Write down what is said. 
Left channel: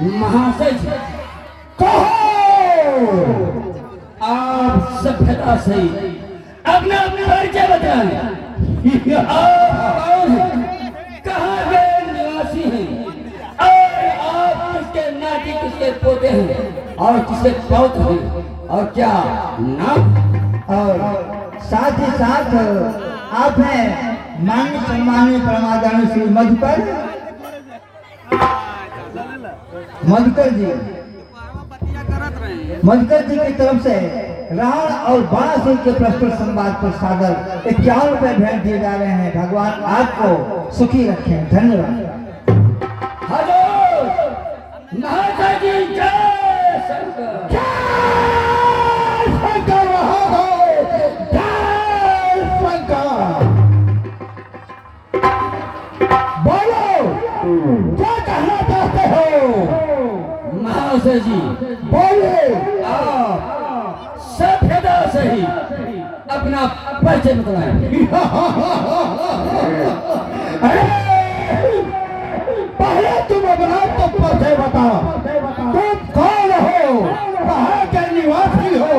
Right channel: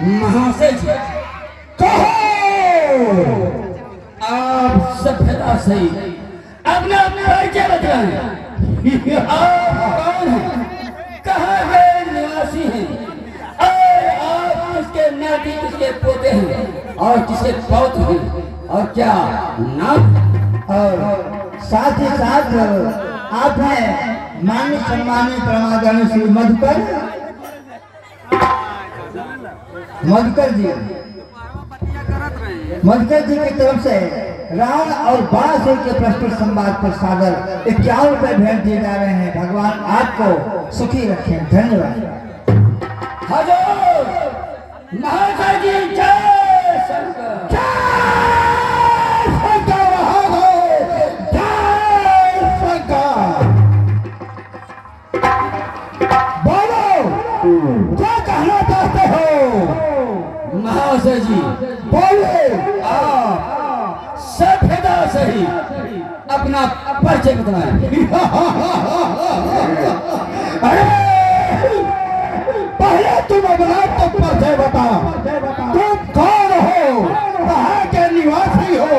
महाशय जी, कहो आप सभ्यता से अपना परिचय बतलाएं। आप कौन हैं, कहाँ के निवासी हैं और आप किसके नाती किसके पोते हैं और किसके पौत्र हैं और क्या नाम। और साथ ही साथ आप हैं मान्य सम्मानित परमादरणीय श्री मधुकर जी की तरफ से रावण और बाणासुर के प्रस्तुत संवाद के सागर 51 रुपए भेंट दिए जा रहे हैं। भगवान आपको सुखी रखें। धन्यवाद। हजूर महाशय जी, जय शंकर। जय शंकर महादेव, जय शंकर। बोलो क्या कहना चाहते हो। महाशय जी, बोलिए। आप सभ्यता सही अपना परिचय बतलाएं। अरे पहले तुम अपना तो परिचय बताओ। तुम कौन हो, कहाँ के निवासी हो।